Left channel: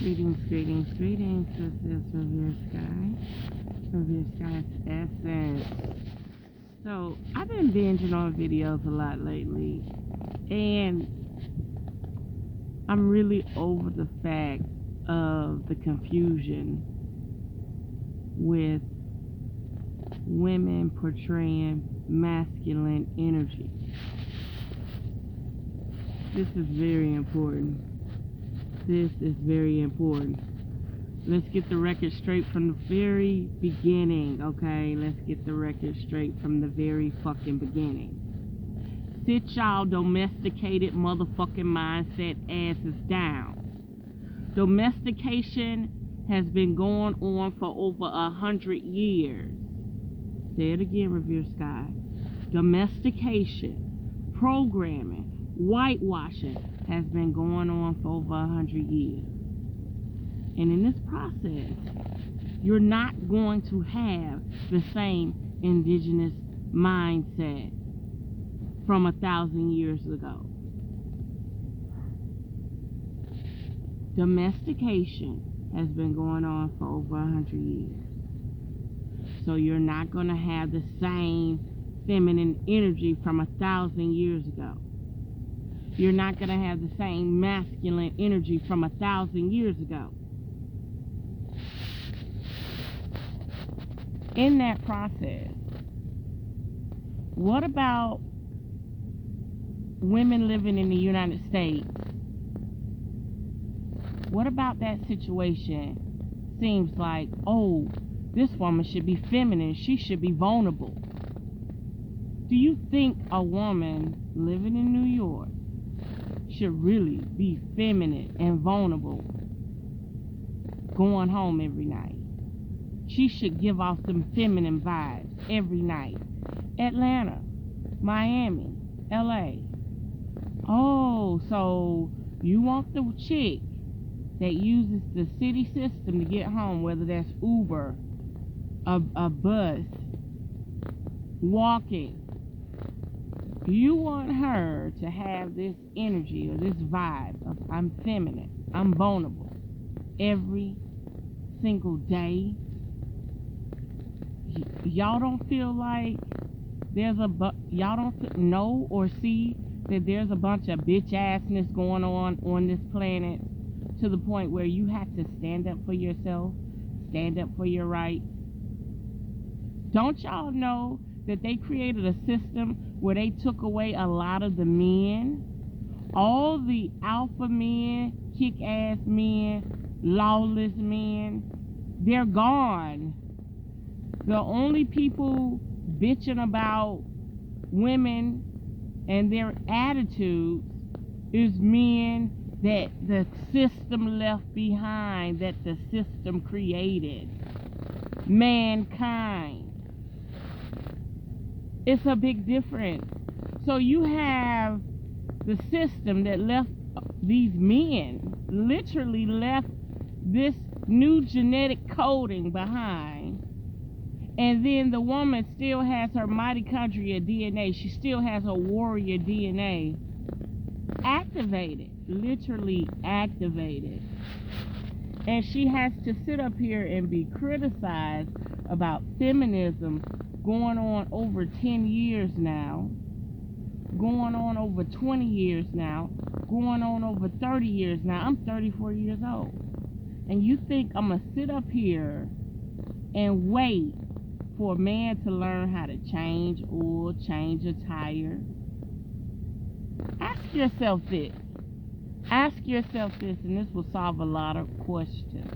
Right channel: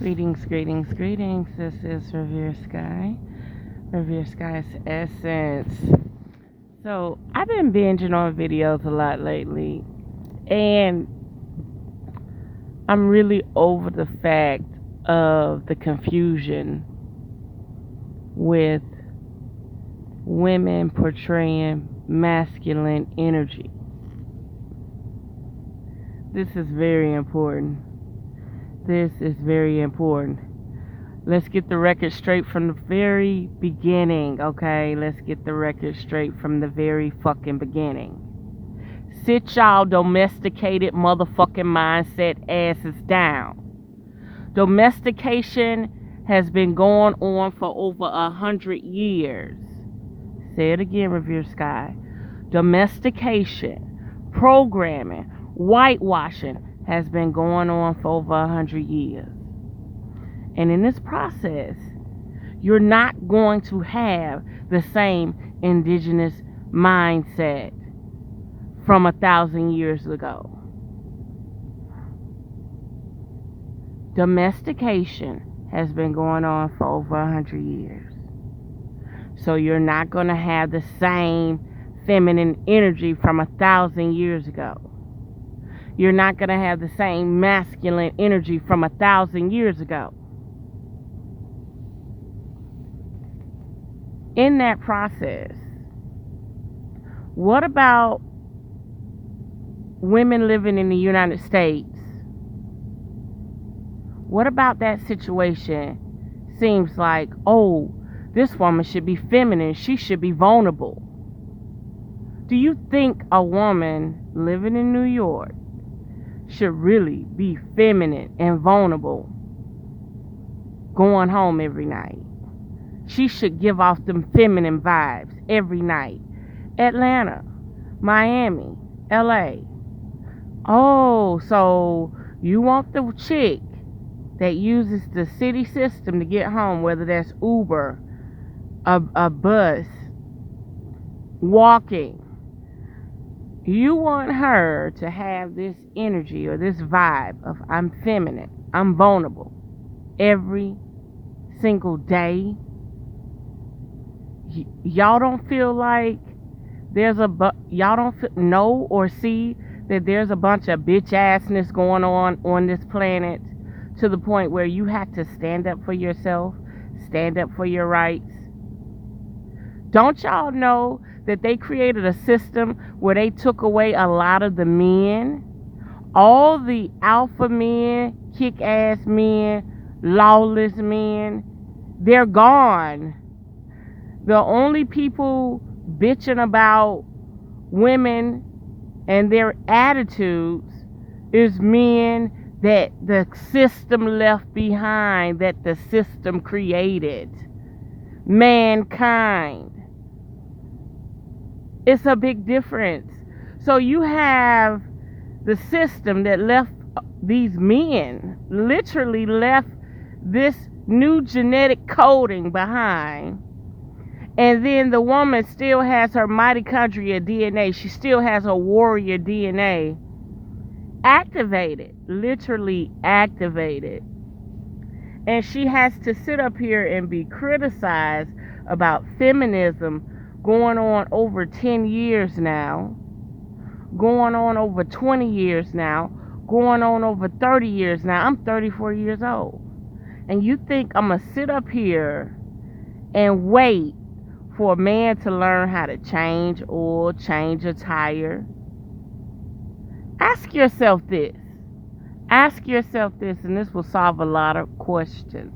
Greetings, greetings, greetings. This is RevereSkye, RevereSkye's Essence. So, I've been binging on videos a lot lately, and I'm really over the fact of the confusion with women portraying masculine energy. This is very important. This is very important. Let's get the record straight from the very beginning, okay? Let's get the record straight from the very fucking beginning. Sit y'all domesticated motherfucking mindset asses down. Domestication has been going on for over 100 years. Say it again, RevereSkye. Domestication, programming, whitewashing has been going on for over 100 years. And in this process, you're not going to have the same indigenous mindset from 1,000 years ago. Domestication has been going on for over 100 years. So you're not going to have the same feminine energy from 1,000 years ago. You're not going to have the same masculine energy from 1,000 years ago. In that process, what about women living in the United States? What about that situation seems like, oh, this woman should be feminine, she should be vulnerable? Do you think a woman living in New York should really be feminine and vulnerable going home every night? She should give off them feminine vibes every night. Atlanta, Miami, LA. Oh, so you want the chick that uses the city system to get home, whether that's Uber, a bus, walking. You want her to have this energy or this vibe of I'm feminine, I'm vulnerable every single day. Y'all don't feel like y'all don't know or see that there's a bunch of bitch assness going on this planet, to the point where you have to stand up for yourself, stand up for your rights? Don't y'all know that they created a system where they took away a lot of the men, all the alpha men, kick-ass men, lawless men? They're gone. The only people bitching about women and their attitudes is men that the system left behind, that the system created. Mankind. It's a big difference. So you have the system that left these men, literally left this new genetic coding behind. And then the woman still has her mitochondria DNA. She still has her warrior DNA activated, literally activated. And she has to sit up here and be criticized about feminism going on over 10 years now, going on over 20 years now, going on over 30 years now. I'm 34 years old. And you think I'm going to sit up here and wait for a man to learn how to change oil, change a tire? Ask yourself this. Ask yourself this, and this will solve a lot of questions.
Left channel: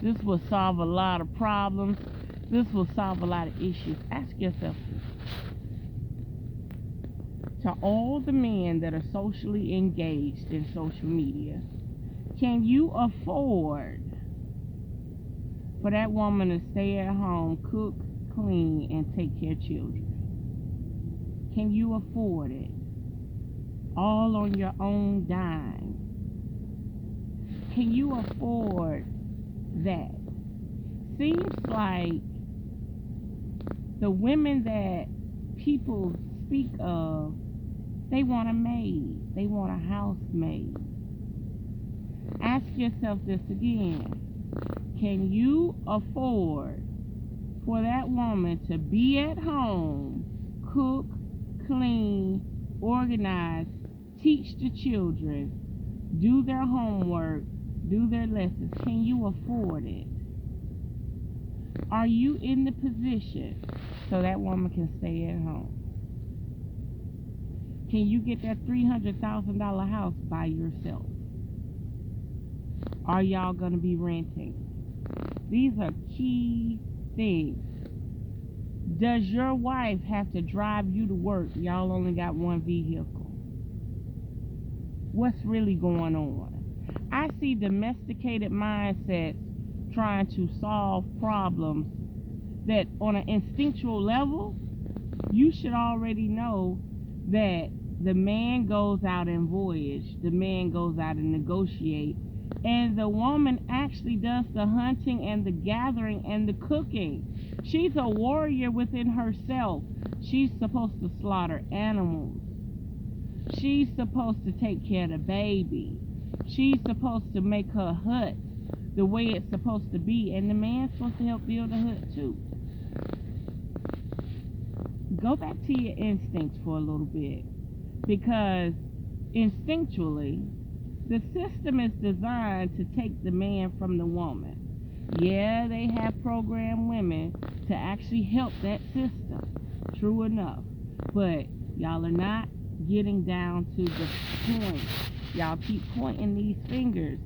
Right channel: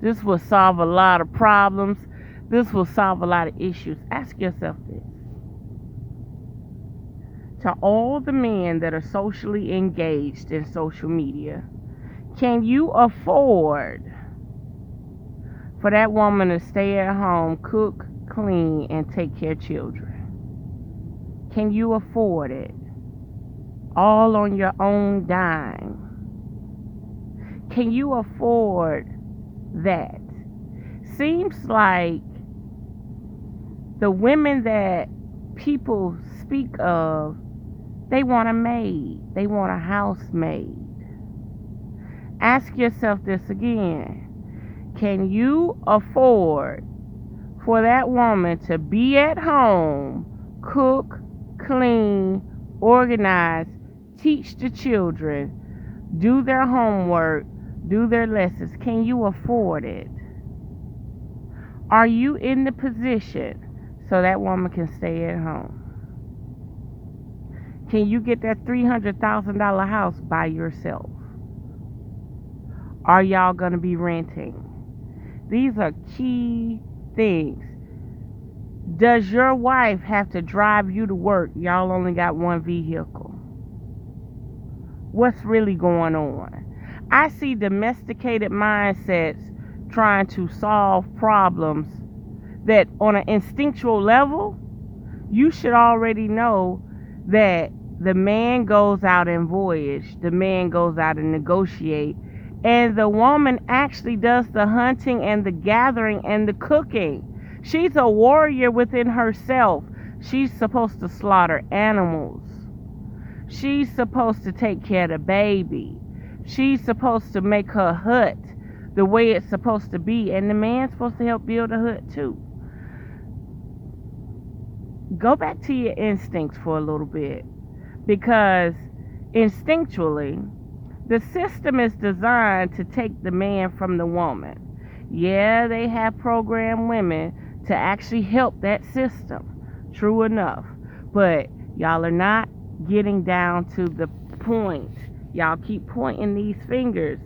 This will solve a lot of problems. This will solve a lot of issues. Ask yourself this. To all the men that are socially engaged in social media, can you afford for that woman to stay at home, cook, clean, and take care of children? Can you afford it? All on your own dime. Can you afford that? Seems like the women that people speak of, they want a maid. They want a housemaid. Ask yourself this again. Can you afford for that woman to be at home, cook, clean, organize, teach the children, do their homework, do their lessons? Can you afford it? Are you in the position so that woman can stay at home? Can you get that $300,000 house by yourself? Are y'all going to be renting? These are key things. Does your wife have to drive you to work? Y'all only got one vehicle. What's really going on? I see domesticated mindsets trying to solve problems that on an instinctual level, you should already know that the man goes out and voyage, the man goes out and negotiate, and the woman actually does the hunting and the gathering and the cooking. She's a warrior within herself. She's supposed to slaughter animals. She's supposed to take care of the baby. She's supposed to make her hut the way it's supposed to be, and the man's supposed to help build a hut too. Go back to your instincts for a little bit, because instinctually, the system is designed to take the man from the woman. Yeah, they have programmed women to actually help that system. True enough. But y'all are not getting down to the point. Y'all keep pointing these fingers.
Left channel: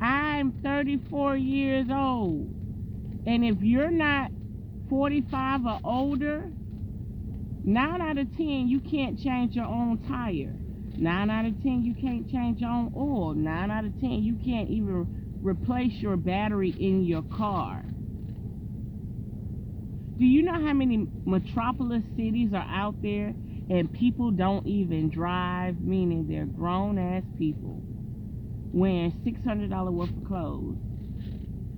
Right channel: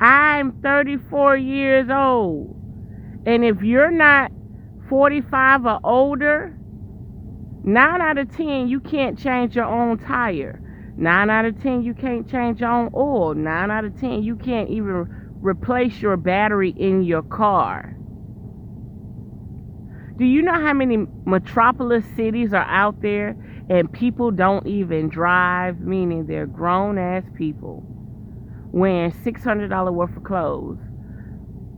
I'm 34 years old. And if you're not 45 or older, 9 out of 10, you can't change your own tire. 9 out of 10, you can't change your own oil. 9 out of 10, you can't even replace your battery in your car. Do you know how many metropolis cities are out there and people don't even drive, meaning they're grown-ass people wearing $600 worth of clothes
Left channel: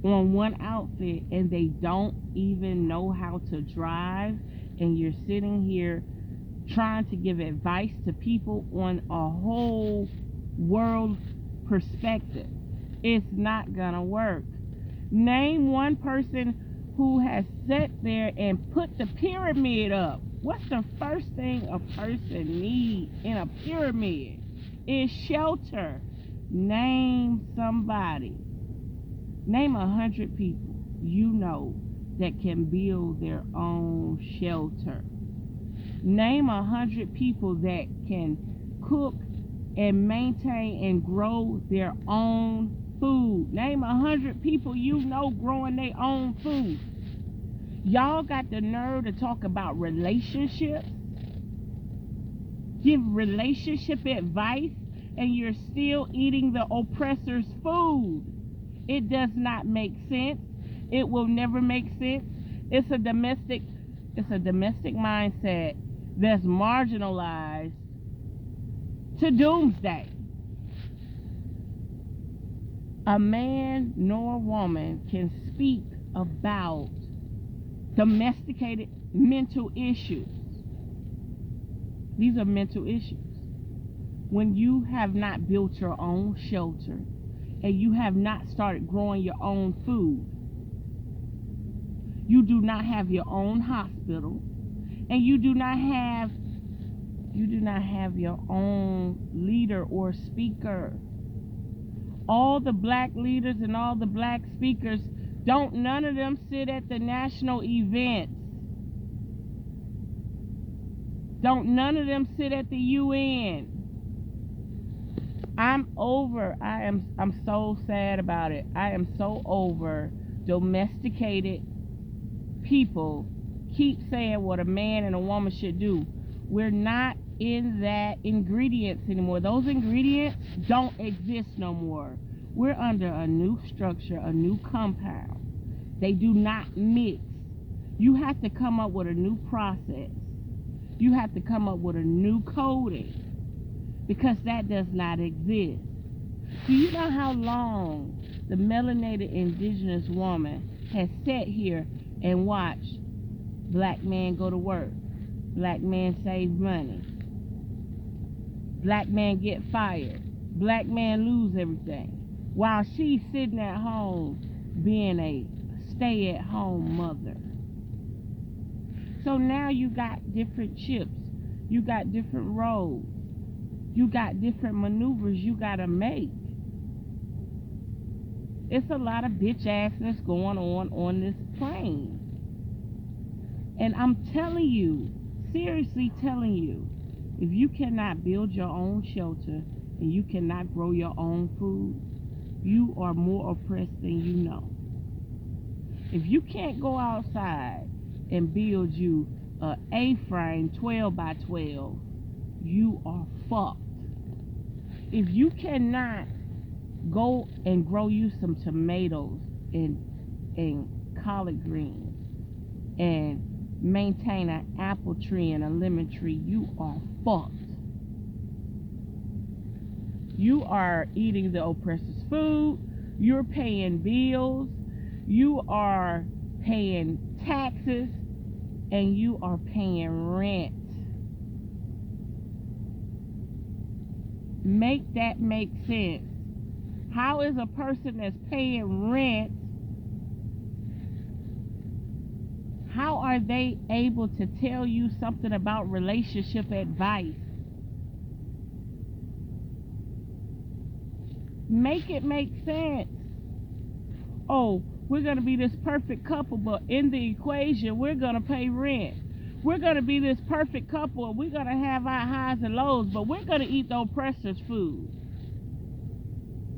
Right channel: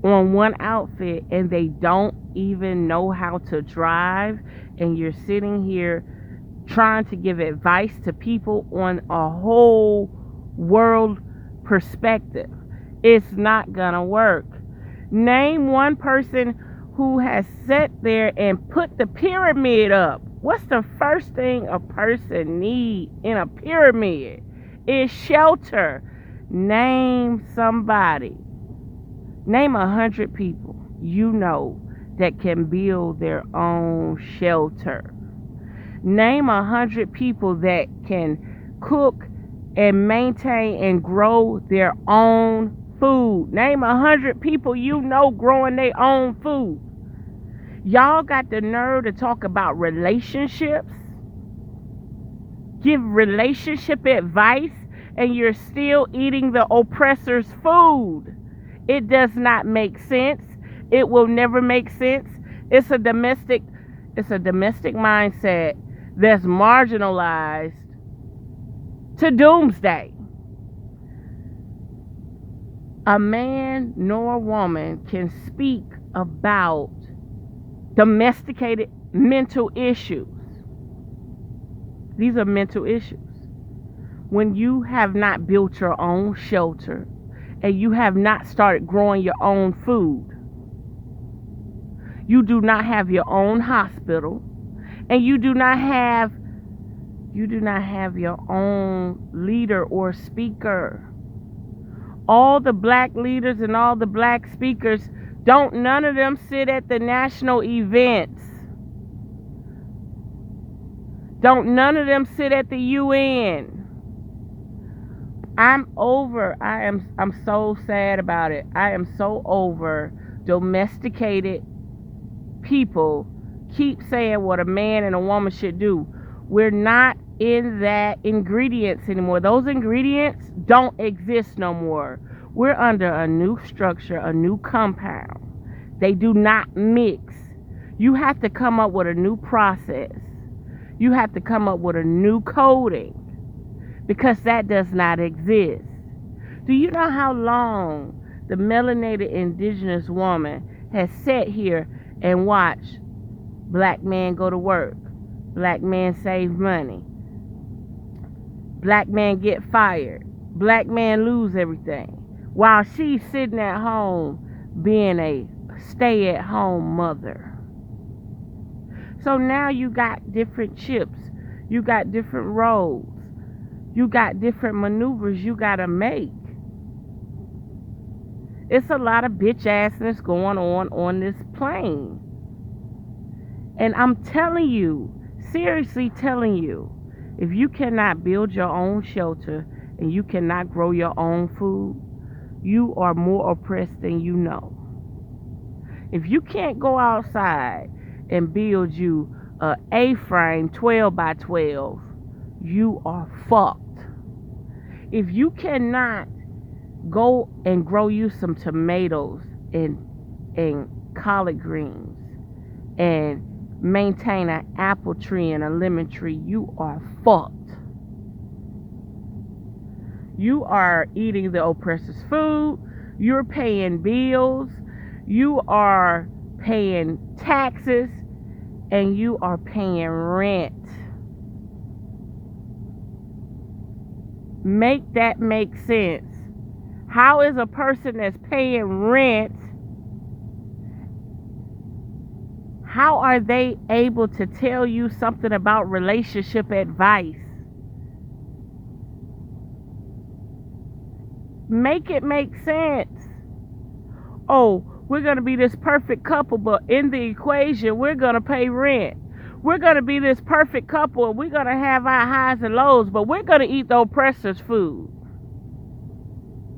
on one outfit, and they don't even know how to drive, and you're sitting here trying to give advice to people on a whole world perspective? It's not gonna work. Name one person who has sat there and put the pyramid up. What's the first thing a person needs in a pyramid? Is shelter. Name somebody. Name 100 people you know that can build their own shelter. Name 100 people that can cook and maintain and grow their own food. Name 100 people you know growing their own food. Y'all got the nerve to talk about relationships, give relationship advice, and you're still eating the oppressor's food. It does not make sense. It will never make sense. It's a domestic mindset that's marginalized to doomsday. A man nor a woman can speak about domesticated mental issues. These are mental issues. When you have not built your own shelter and you have not started growing your own food, you do not have your own hospital, and you do not have your own leader or speaker. All the black leaders and all the black speakers, none of them sit at the national events. None of them sit at the UN. I'm so sad about it. I am so over domesticated people keep saying what a man and a woman should do. We're not in that ingredients anymore. Those ingredients don't exist no more. We're under a new structure, a new compound. They do not mix. You have to come up with a new process. You have to come up with a new coding, because that does not exist. Do you know how long the melanated indigenous woman has sat here and watched black men go to work, black men save money, black man get fired, black man lose everything? while she's sitting at home being a stay-at-home mother. So now you got different chips, you got different roles, you got different maneuvers you gotta make. It's a lot of bitch assness going on this plane. And I'm telling you, seriously telling you, if you cannot build your own shelter and you cannot grow your own food, you are more oppressed than you know. If you can't go outside and build you a A-frame 12 by 12, you are fucked. If you cannot go and grow you some tomatoes and collard greens and maintain an apple tree and a lemon tree, you are fucked. You are eating the oppressor's food, you're paying bills, you are paying taxes, and you are paying rent. Make that make sense. How is a person that's paying rent, how are they able to tell you something about relationship advice? Make it make sense. Oh, we're going to be this perfect couple, but in the equation, we're going to pay rent. We're going to be this perfect couple, and we're going to have our highs and lows, but we're going to eat the oppressor's food.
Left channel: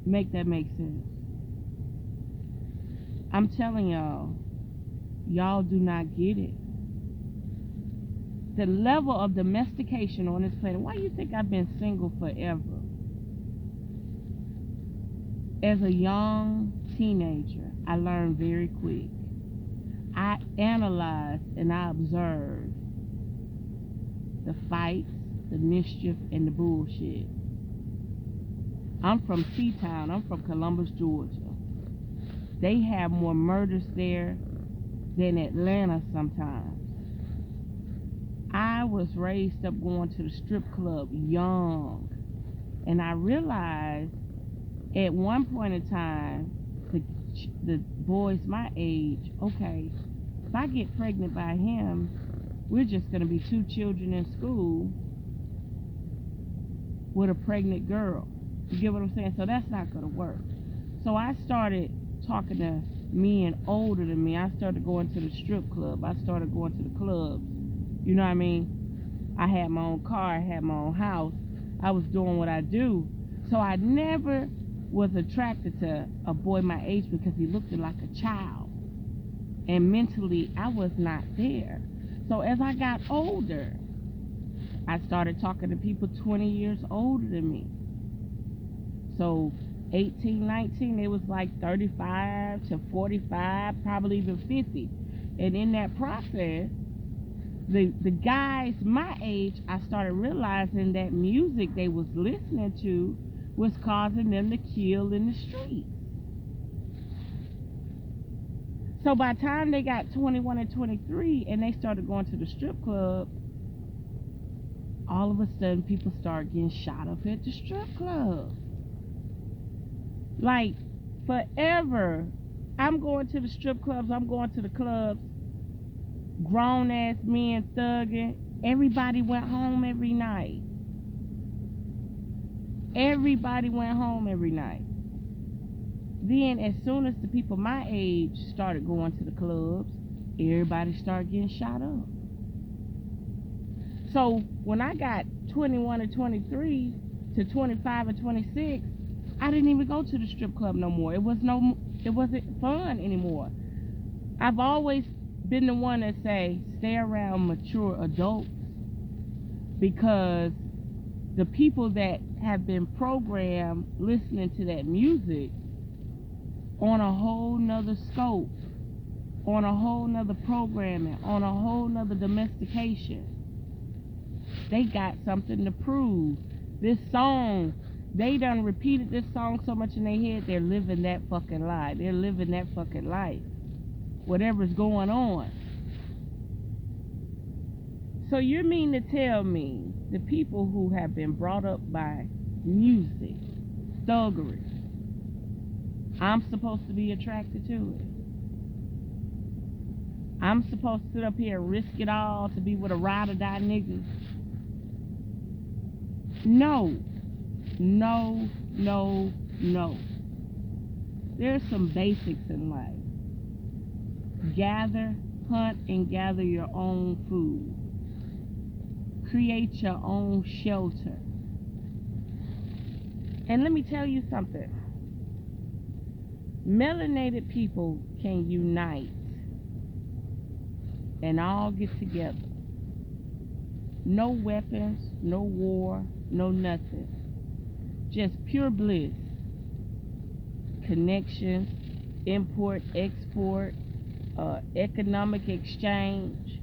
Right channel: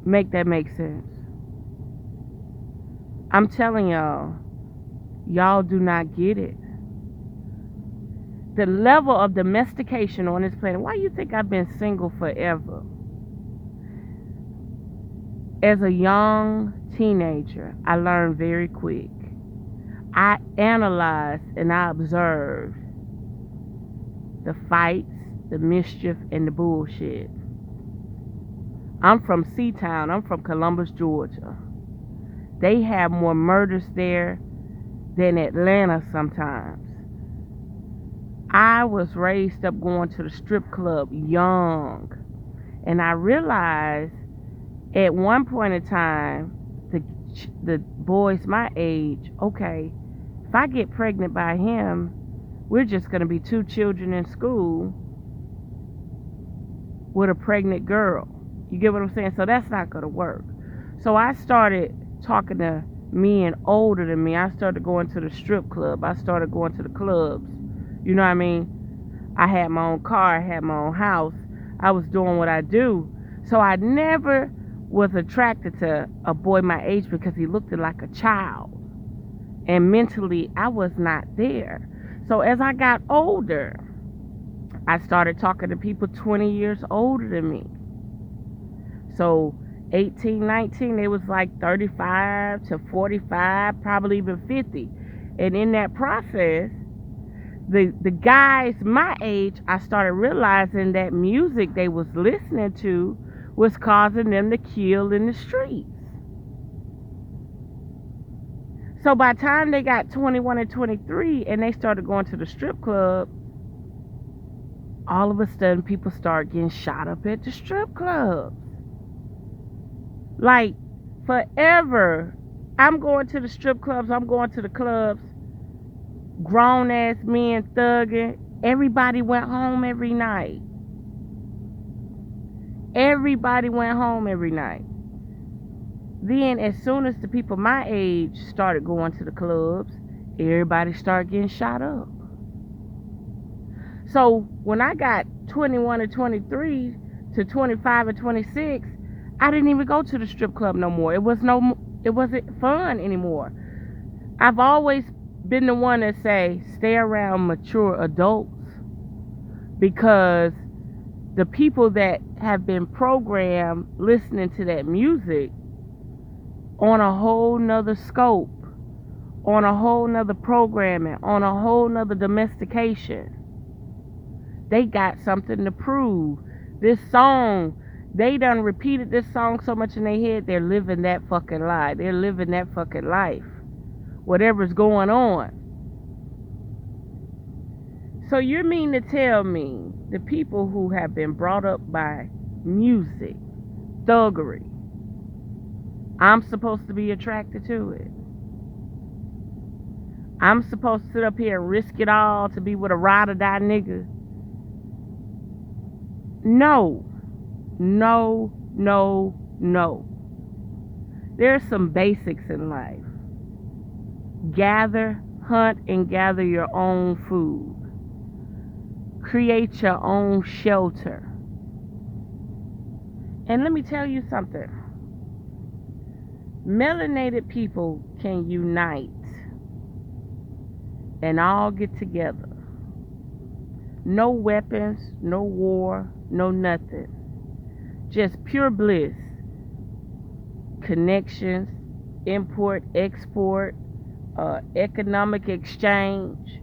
Make that make sense. I'm telling y'all, y'all do not get it. The level of domestication on this planet. Why do you think I've been single forever? As a young teenager, I learned very quick. I analyzed and I observed the fights, the mischief, and the bullshit. I'm from Seatown. I'm from Columbus, Georgia. They have more murders there than Atlanta sometimes. I was raised up going to the strip club young. And I realized at one point in time, the boys my age, okay, if I get pregnant by him, we're just going to be two children in school with a pregnant girl. You get what I'm saying? So that's not going to work. So I started talking to men older than me. I started going to the strip club. I started going to the clubs. You know what I mean? I had my own car. I had my own house. I was doing what I do. So I never was attracted to a boy my age because he looked like a child. And mentally, I was not there. So as I got older, I started talking to people 20 years older than me. So 18, 19, it was like 35 to 45, probably even 50. And in that process, the guys my age, I started realizing that music they was listening to was causing them to kill in the streets. So by the time they got 21 and 23 and they started going to the strip club, all of a sudden people start getting shot up at the strip club. Like, forever, I'm going to the strip clubs, I'm going to the clubs, grown ass men thugging. Everybody went home every night. Everybody went home every night. Then as soon as the people my age started going to the clubs, everybody started getting shot up. So when I got 21 and 23 to 25 and 26, I didn't even go to the strip club no more. It wasn't fun anymore. I've always been the one that say, stay around mature adults, because the people that have been programmed listening to that music on a whole nother scope, on a whole nother programming, on a whole nother domestication, they got something to prove. This song, they done repeated this song so much in their head, they're living that fucking lie. They're living that fucking life. Whatever's going on. So you mean to tell me the people who have been brought up by music, thuggery, I'm supposed to be attracted to it. I'm supposed to sit up here and risk it all to be with a ride or die nigga. No, no, no, no. There's some basics in life. Gather, hunt, and gather your own food. Create your own shelter. And let me tell you something. Melanated people can unite and all get together. No weapons, no war, no nothing. Just pure bliss. Connections, import, export, economic exchange,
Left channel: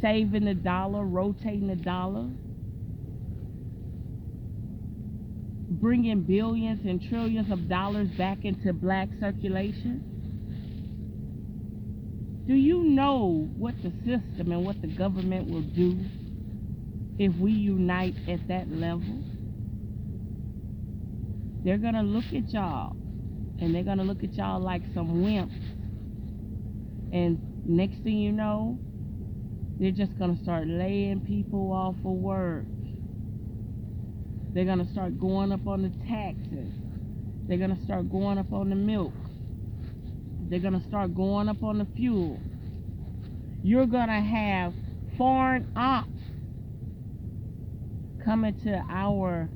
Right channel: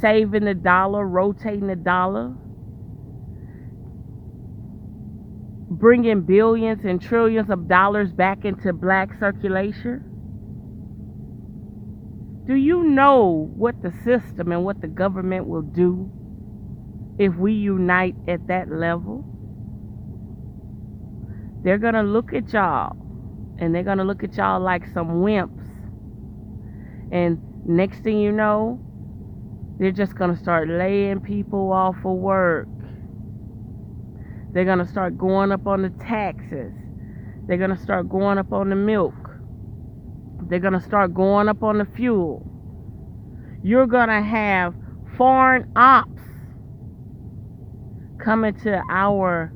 saving the dollar, rotating the dollar, bringing billions and trillions of dollars back into black circulation. Do you know what the system and what the government will do if we unite at that level? They're going to look at y'all, and they're going to look at y'all like some wimps. And next thing you know, they're just going to start laying people off of work. They're going to start going up on the taxes. They're going to start going up on the milk. They're going to start going up on the fuel. You're going to have foreign ops coming to our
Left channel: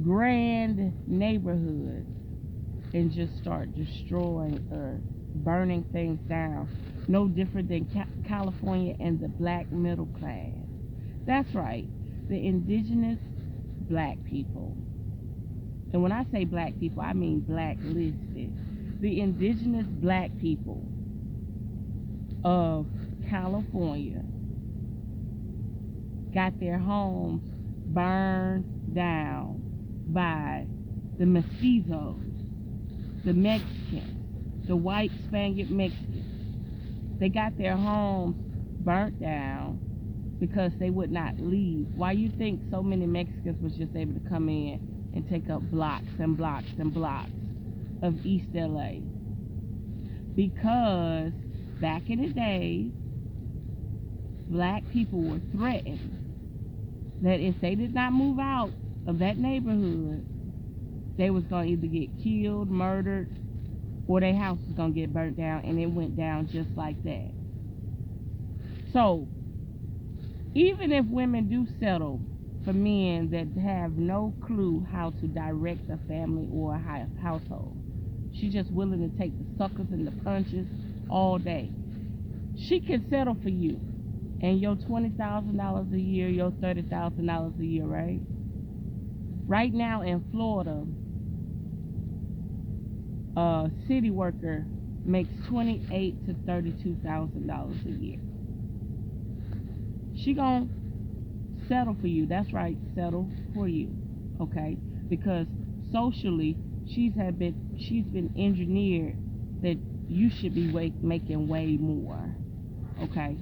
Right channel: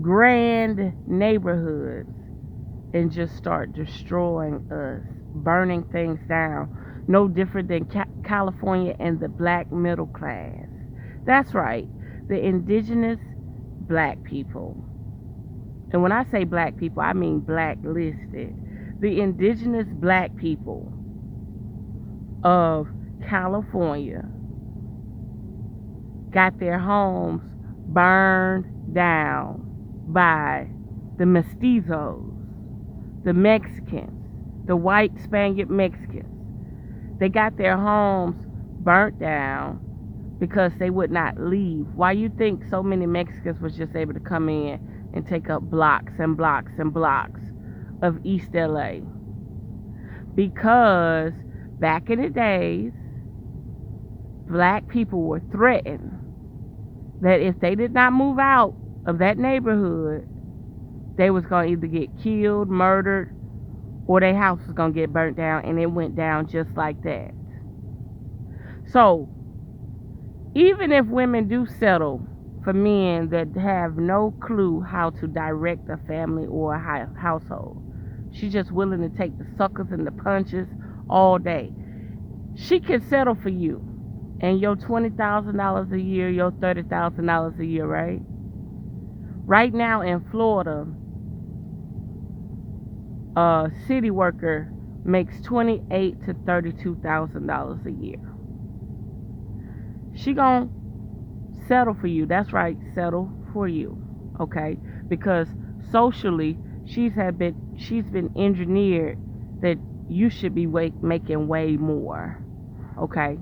grand neighborhoods and just start destroying us, burning things down. No different than California and the black middle class. That's right, the indigenous black people. And when I say black people, I mean blacklisted. The indigenous black people of California got their homes burned down by the mestizos, the Mexicans, the white Spaniard Mexicans. They got their homes burnt down because they would not leave. Why you think so many Mexicans was just able to come in and take up blocks and blocks and blocks of East LA? Because back in the days, black people were threatened that if they did not move out of that neighborhood, they was going to either get killed, murdered, or their house was going to get burnt down, and it went down just like that. So, even if women do settle for men that have no clue how to direct a family or a household, she's just willing to take the suckers and the punches all day. She can settle for you and your $20,000 a year, your $30,000 a year, right? Right now in Florida, a city worker makes $28,000 to $32,000 a year. She gonna settle for you. That's right, settle for you, okay? Because socially, she's been engineered that you should be making way more, okay?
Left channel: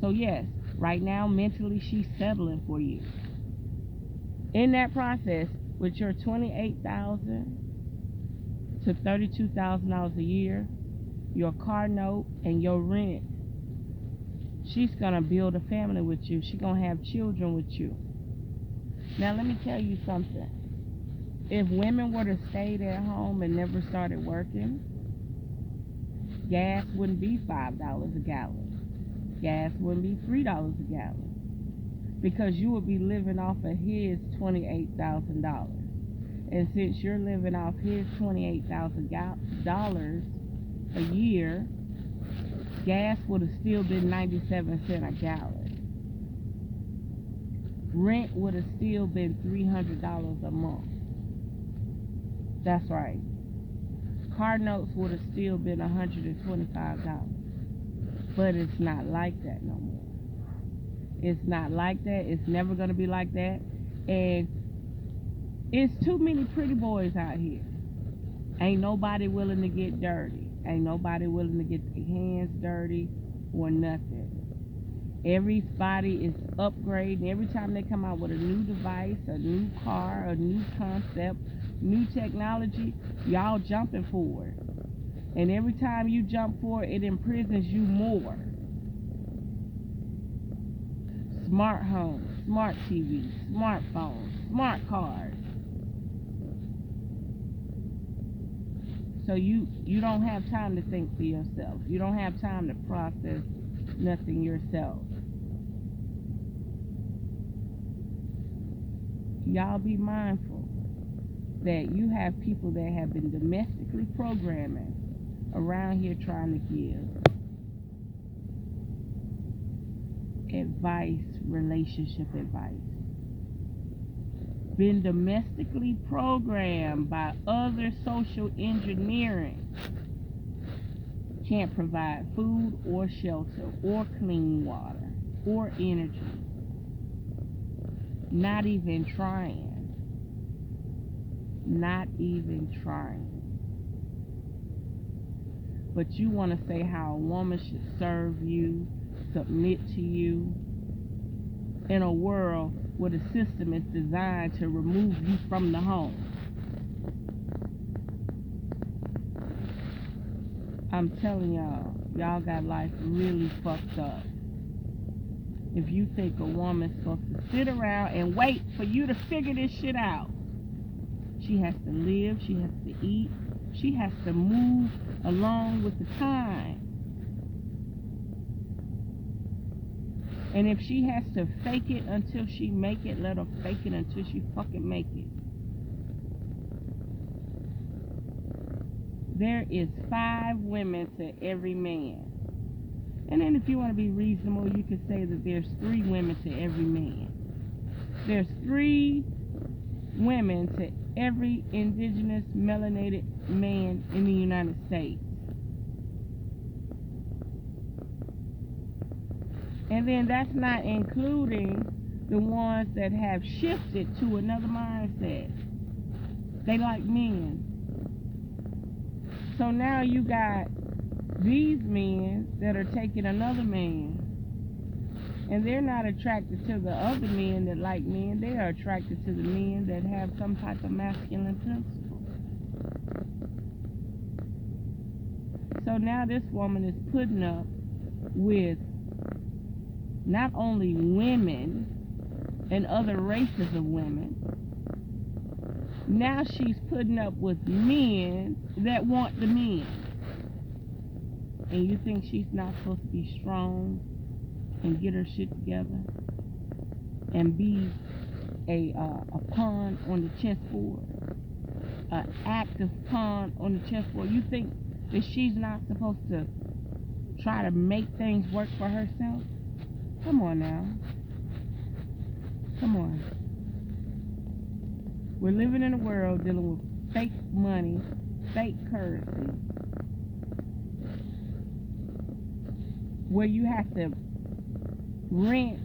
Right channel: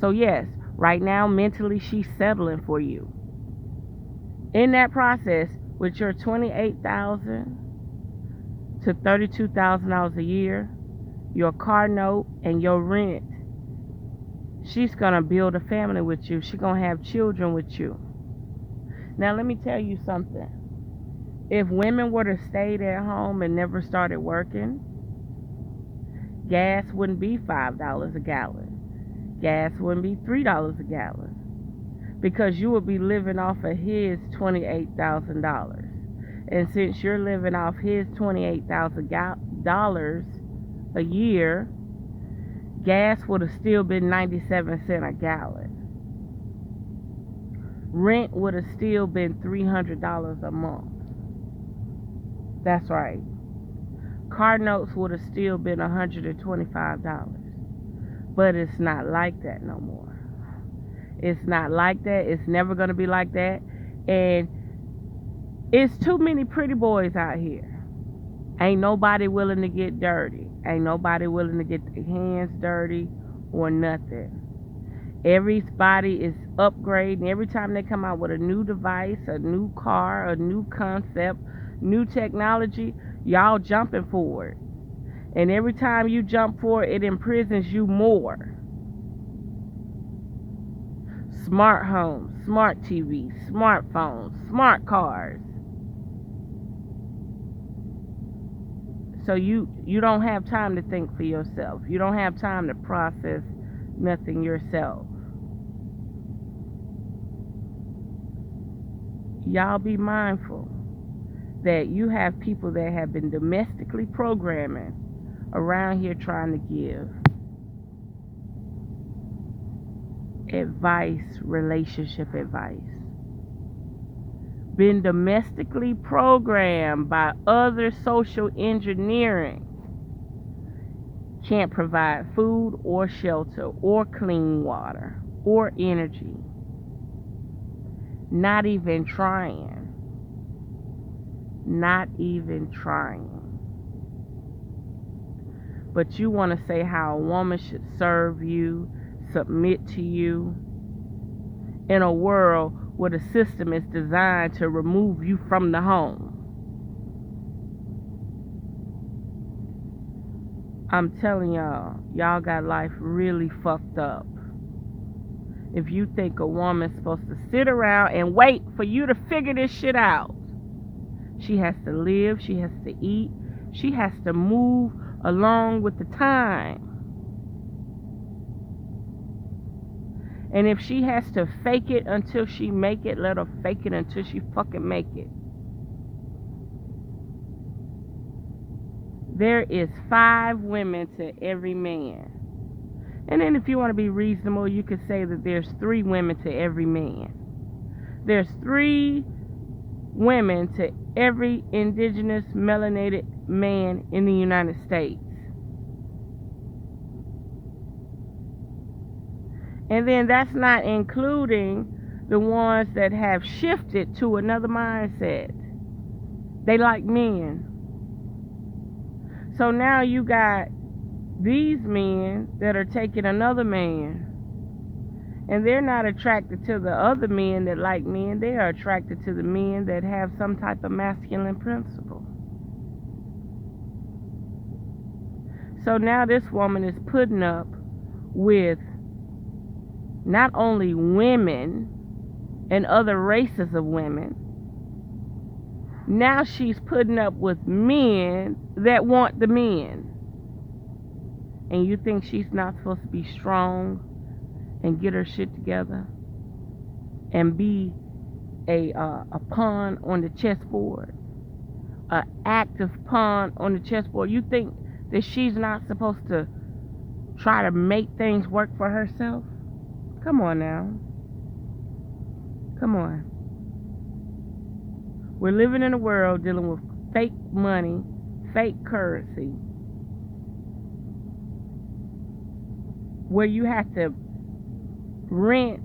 So yes, right now mentally she's settling for you. In that process, with your $28,000 to $32,000 a year, your car note and your rent, she's gonna build a family with you. She's gonna have children with you. Now let me tell you something. If women were to stay at home and never started working, gas wouldn't be $5 a gallon. Gas wouldn't be $3 a gallon. Because you would be living off of his $28,000. And since you're living off his $28,000 a year, gas would have still been 97 cents a gallon. Rent would have still been $300 a month. That's right. Car notes would have still been $125. But it's not like that no more. It's not like that. It's never going to be like that. And it's too many pretty boys out here. Ain't nobody willing to get dirty. Ain't nobody willing to get their hands dirty or nothing. Everybody is upgrading. Every time they come out with a new device, a new car, a new concept, new technology, Y'all jumping for it. And every time you jump for it, it imprisons you more. Smart homes, smart TVs, smartphones, smart cars. So you don't have time to think for yourself. You don't have time to process nothing yourself. Y'all be mindful that you have people that have been domestically programming around here trying to give advice, relationship advice. Been domestically programmed by other social engineering. Can't provide food or shelter or clean water or energy. Not even trying. Not even trying. But you want to say how a woman should serve you, submit to you, in a world where the system is designed to remove you from the home. I'm telling y'all got life really fucked up. If you think a woman's supposed to sit around and wait for you to figure this shit out. She has to live, she has to eat, she has to move along with the time. And if she has to fake it until she make it, let her fake it until she fucking make it. There is 5 women to every man. And then if you want to be reasonable, you could say that there's 3 women to every man. There's 3 women to every indigenous melanated man in the United States. And then that's not including the ones that have shifted to another mindset. They like men. So now you got these men that are taking another man. And they're not attracted to the other men that like men. They are attracted to the men that have some type of masculine principle. So now this woman is putting up with not only women and other races of women. Now she's putting up with men that want the men. And you think she's not supposed to be strong and get her shit together and be a pawn on the chessboard, an active pawn on the chessboard? You think that she's not supposed to try to make things work for herself? Come on now. Come on. We're living in a world dealing with fake money, fake currency, where you have to rent,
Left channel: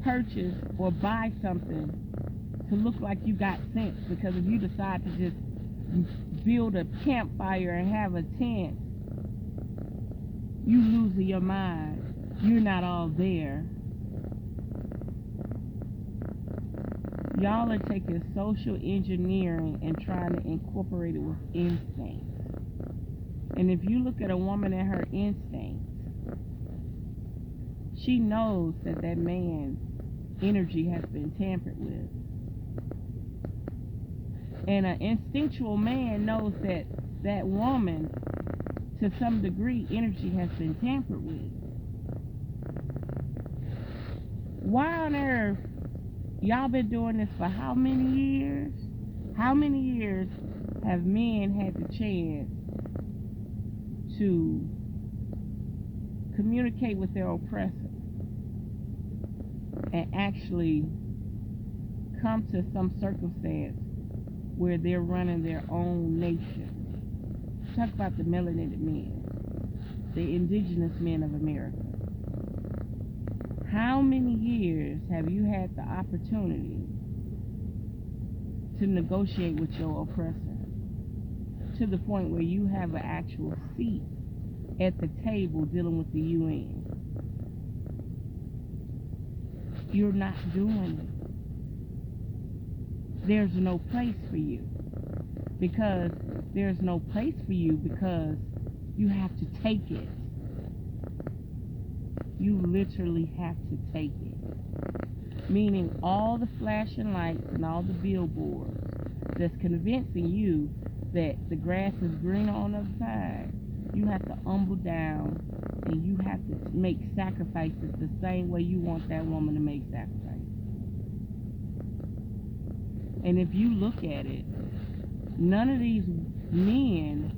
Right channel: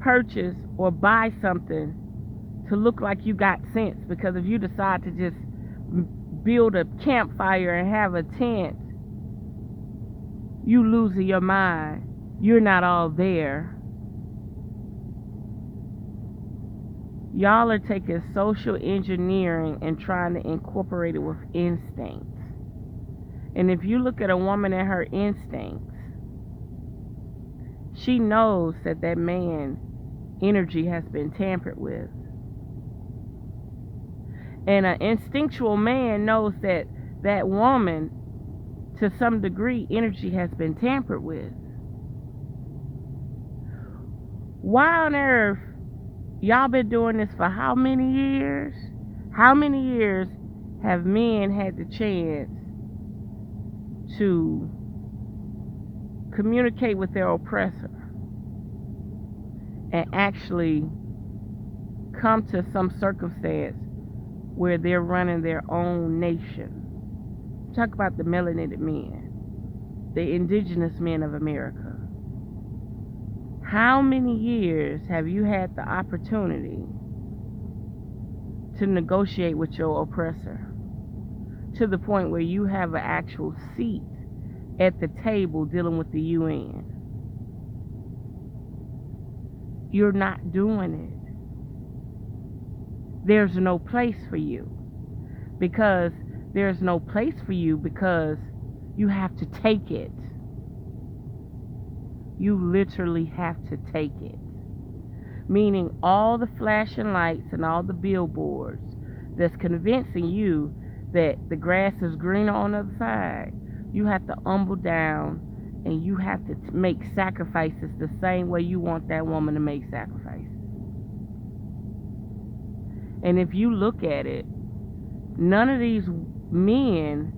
purchase, or buy something to look like you got sense. Because if you decide to just build a campfire and have a tent, you losing your mind. You're not all there. Y'all are taking social engineering and trying to incorporate it with instincts. And if you look at a woman and her instincts, she knows that that man's energy has been tampered with. And an instinctual man knows that that woman, to some degree, energy has been tampered with. Why on earth y'all been doing this for how many years? How many years have men had the chance to communicate with their oppressor and actually come to some circumstance where they're running their own nation? Talk about the melanated men, the indigenous men of America. How many years have you had the opportunity to negotiate with your oppressor to the point where you have an actual seat at the table dealing with the UN? You're not doing it. There's no place for you, because there's no place for you because you have to take it. You literally have to take it. Meaning all the flashing lights and all the billboards that's convincing you that the grass is greener on the other side, you have to humble down and you have to make sacrifices the same way you want that woman to make sacrifices. And if you look at it, none of these men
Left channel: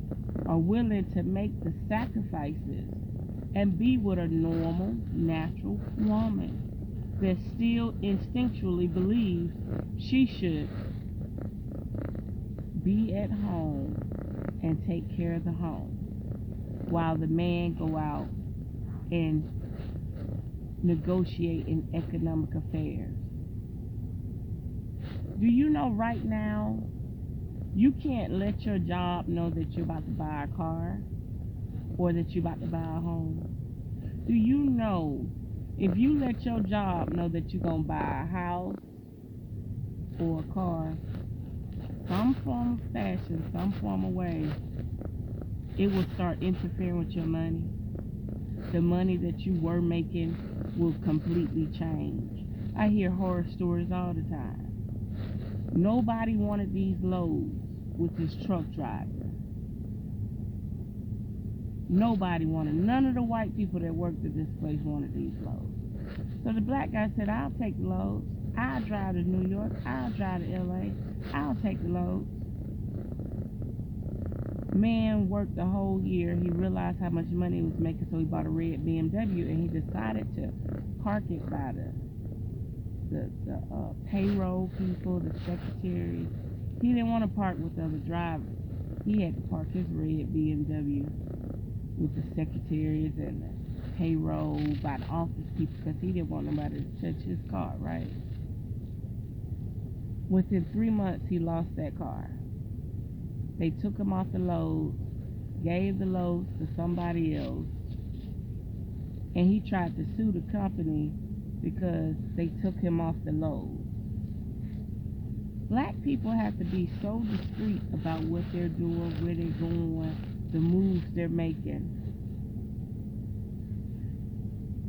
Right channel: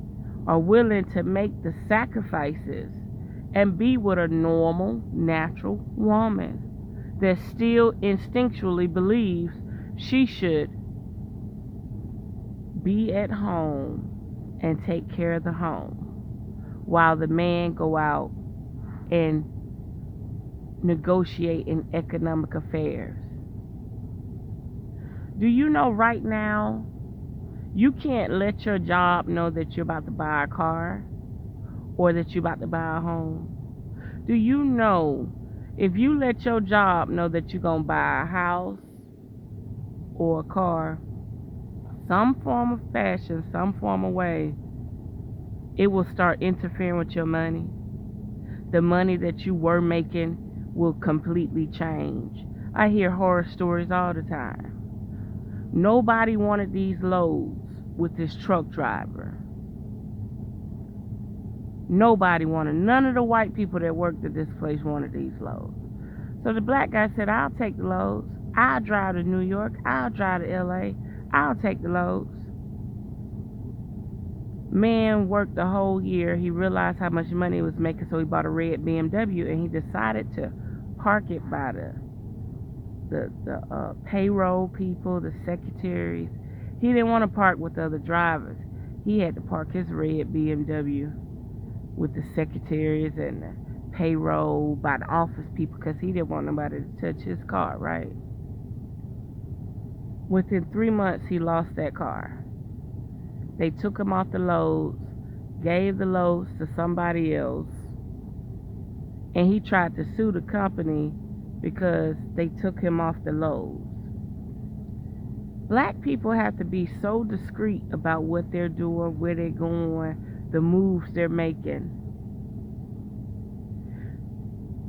are willing to make the sacrifices and be with a normal, natural woman that still instinctually believes she should be at home and take care of the home while the man go out and negotiate in economic affairs. Do you know right now, you can't let your job know that you're about to buy a car or that you're about to buy a home? Do you know if you let your job know that you're going to buy a house or a car, some form of fashion, some form of way, it will start interfering with your money. The money that you were making will completely change. I hear horror stories all the time. Nobody wanted these loads with this truck driver. Nobody wanted, none of the white people that worked at this place wanted these loads. So the black guy said, I'll take the loads. I'll drive to New York. I'll drive to LA. I'll take the loads. Man worked the whole year. He realized how much money he was making, so he bought a red BMW, and he decided to park it by the payroll people, the secretaries. He didn't want to park with the other drivers. He had to park his red BMW with the secretaries and the payroll by the office people because he didn't want nobody to touch his car, right? Within 3 months, he lost that car. They took him off the loads, gave the loads to somebody else, and he tried to sue the company because they took him off the loads. Black people have to be so discreet about what they're doing, where they're going, the moves they're making.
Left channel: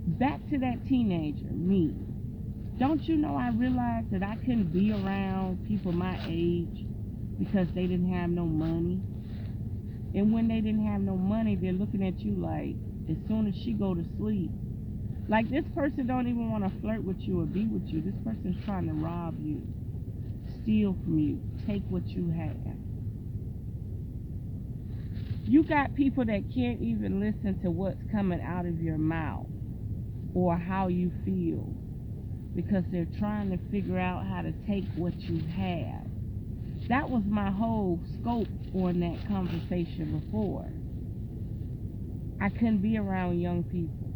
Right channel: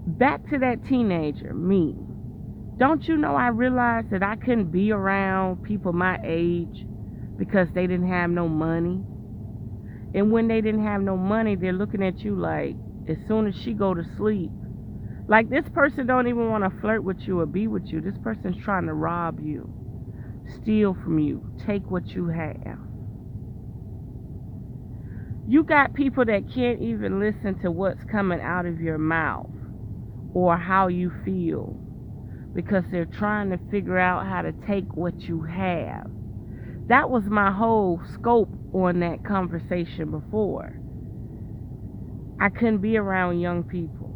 Back to that teenager, me. Don't you know I realized that I couldn't be around people my age because they didn't have no money? And when they didn't have no money, they're looking at you like, as soon as she go to sleep, like this person don't even want to flirt with you or be with you. This person's trying to rob you, steal from you, take what you have. You got people that can't even listen to what's coming out of your mouth or how you feel because they're trying to figure out how to take what you have. That was my whole scope on that conversation before. I couldn't be around young people.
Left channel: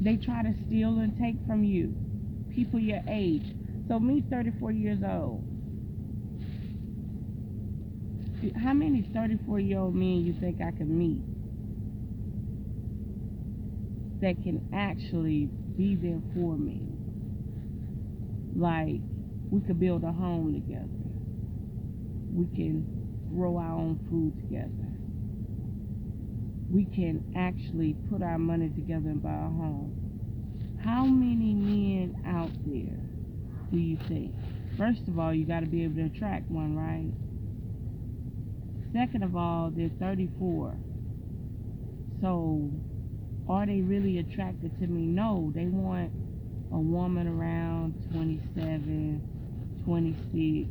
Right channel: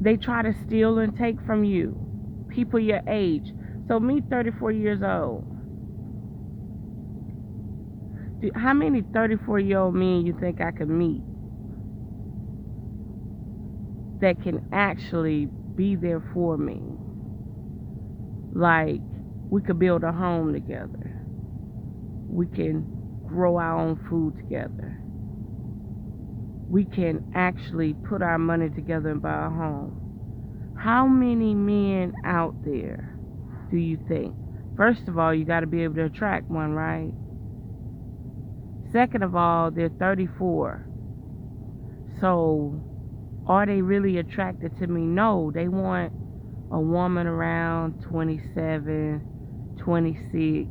They try to steal and take from you, people your age. So me, 34 years old. How many 34-year-old men you think I could meet that can actually be there for me? Like, we could build a home together. We can grow our own food together. We can actually put our money together and buy a home. How many men out there do you think? First of all, you got to be able to attract one, right? Second of all, they're 34. So, are they really attracted to me? No, they want a woman around 27, 26.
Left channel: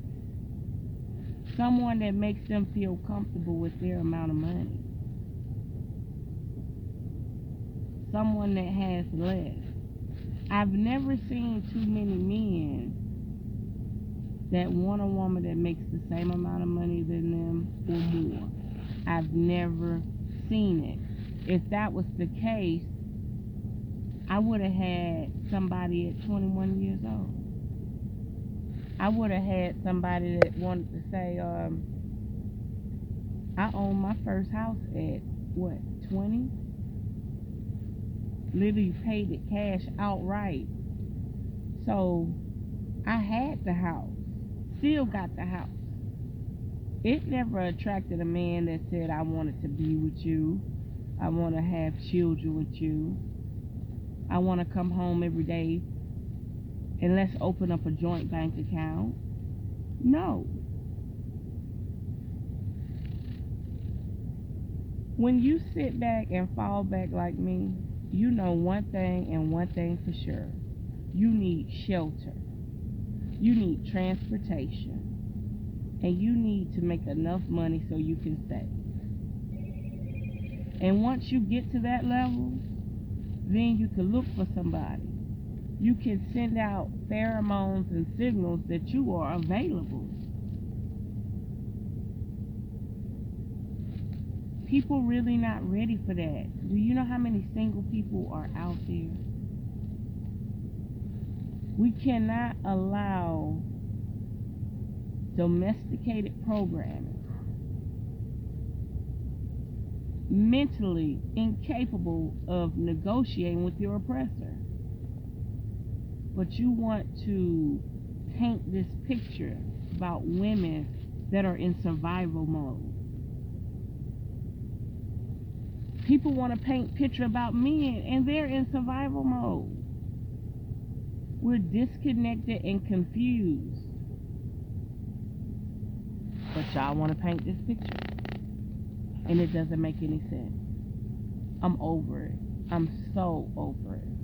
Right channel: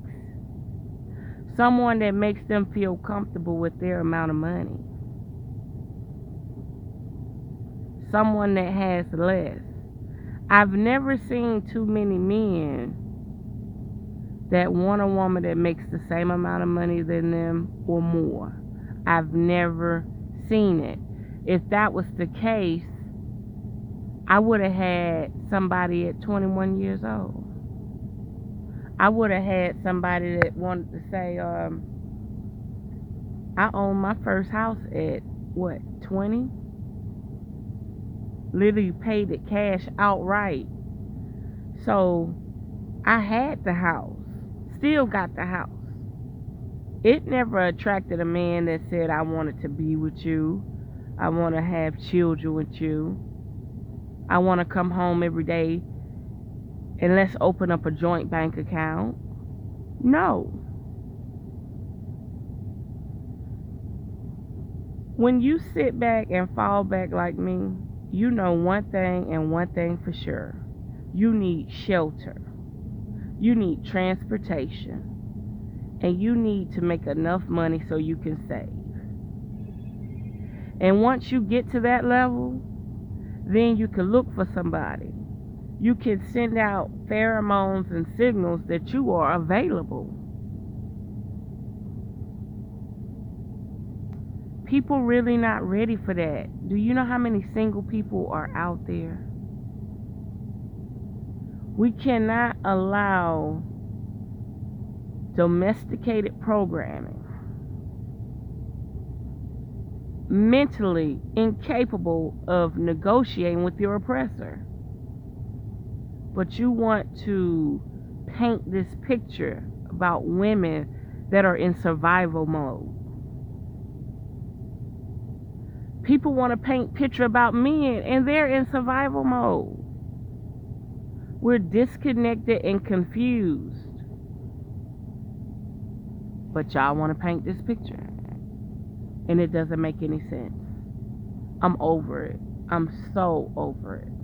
Someone that makes them feel comfortable with their amount of money. Someone that has less. I've never seen too many men that want a woman that makes the same amount of money than them or more. I've never seen it. If that was the case, I would have had somebody at 21 years old. I would have had somebody that wanted to say, I owned my first house at, 20? Literally paid it cash outright. So I had the house. still got the house. It never attracted a man that said, I wanted to be with you. I want to have children with you. I want to come home every day and let's open up a joint bank account. No. When you sit back and fall back like me, you know one thing and one thing for sure. You need shelter. You need transportation. And you need to make enough money so you can save. And once you get to that level, then you can look for somebody. You can send out pheromones and signals that you are available. People really not ready for that. Do you know how many single people are out there? We cannot allow domesticated programming, mentally incapable of negotiating with your oppressor. But you want to paint this picture about women that are in survival mode. People want to paint picture about men and they're in survival mode. We're disconnected and confused. But y'all want to paint this picture. And it doesn't make any sense. I'm over it. I'm so over it.